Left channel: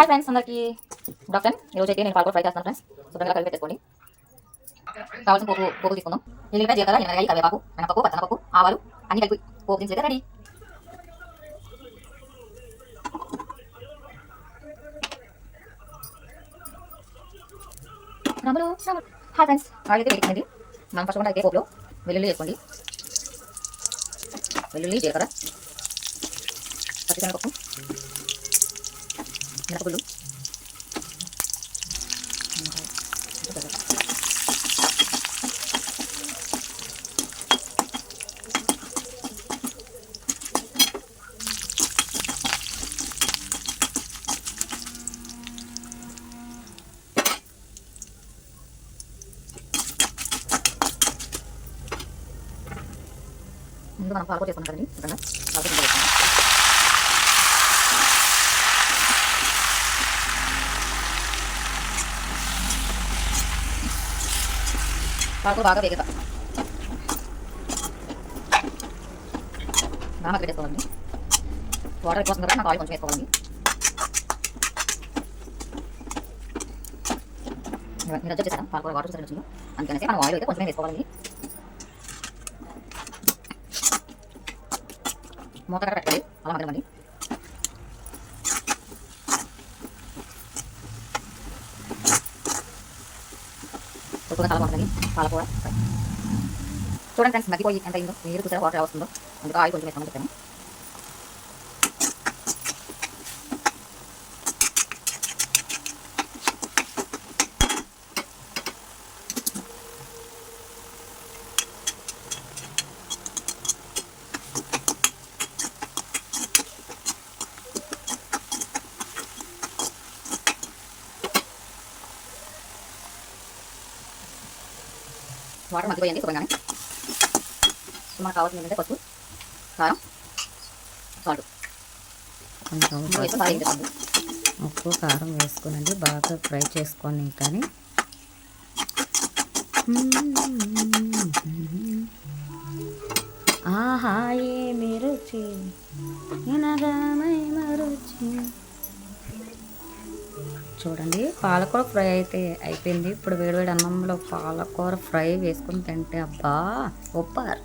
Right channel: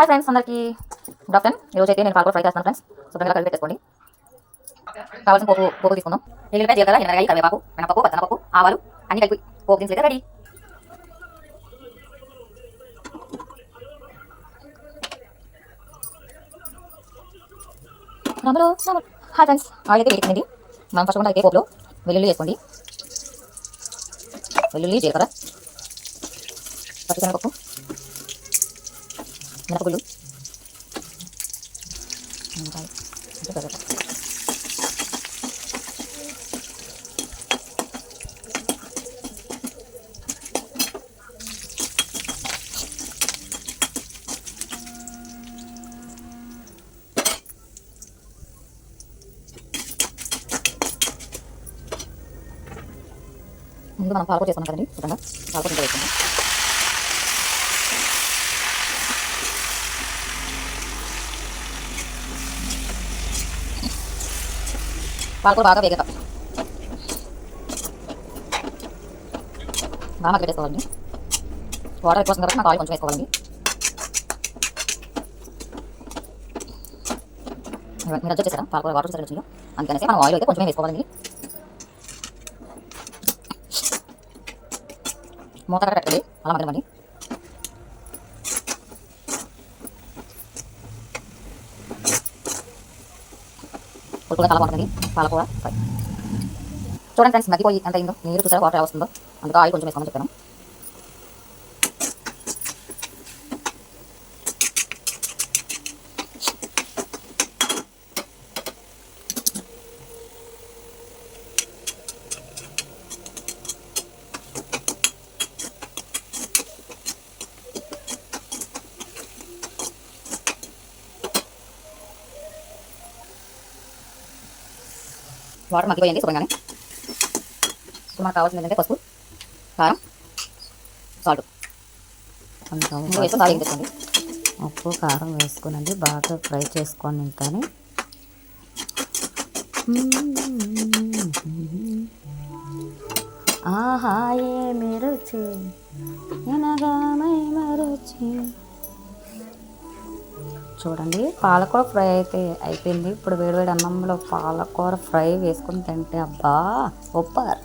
Hi friends, అందరికీ good afternoon. ఈరోజు అయితే నేను పాలకూర ఫ్రై చేస్తాను ఫ్రెండ్స్. శుభ్రంగా కలిపి పెట్టేసుకోండి. కావాల్సిన పోపు తీసుకుందాం. ఎల్లిపాయ, జీలకర్ర, ఎనరగాయ, కరివేపాకు, మినపప్పు, పచ్చనపప్పు, ఆవాలు అన్ని కలిపి పోపు దినుసులు అయితే రెడీ. హాయ్ ఫ్రెండ్స్, ఆయిల్ అయితే వేడికిందండి. మనం ఫస్ట్ అయితే పోపులో వెల్లుల్లి వేసుకోండి. వెల్లుల్లి, జీలకర్ర, పచ్చిశనగపప్పు, మినపగుళ్ళు, ముందు మనం పాలకూర చేసుకున్నాం కదండి. శుభ్రంగా పాలకూర ఇంత వేసుకున్నాం. పాలకూర బాగా వేగక బాగా పెట్టేసుకోవాలండి. వాటర్ ఎక్కువ వస్తుంది కాబట్టి నాకు ఆయిల్ కొంచెం వేసుకోవాలండి. మీరు అడ్జస్ట్ చేశారా? పాలకూర వాటర్ సరిగ్గా వచ్చిందో అందుకనేసి మనం ఆయిల్ అయితే కొంచెం వేసుకోవాలండి. మూత పెట్టండి, అలా మగ్గనివ్వండి. పులుపుగా చాలా బాగుంటుంది పాలకూర ఫ్రై. చూడండి ఫ్రెండ్స్, మగ్గిపోయి ఎంత అయిందో. నీరు చూసారా వాటర్ వస్తుందో, అందుకు ఆయిల్ కొంచెం వేసుకోమని చెప్పాను. వాటర్ మగ్గిపోయింది శుభ్రంగానే. మనకు కావాల్సింది ఏంటంటే పసుపు, కారం, సాల్ట్ కొంచెం ఉప్పు కారం వేసుకోనండి. బాగా ఫ్రై చేసుకోండి. ఇంకాని ఆహా ఏమి రుచి ఎనగామై మరుచి. చూడండి, పాలకూర ఫ్రై అయితే అయిపోయింది. ఇప్పుడు వేడివేడి అన్నంలో పాలకూర ఫ్రై వేసుకుని తింటే అబ్బా సూపర్.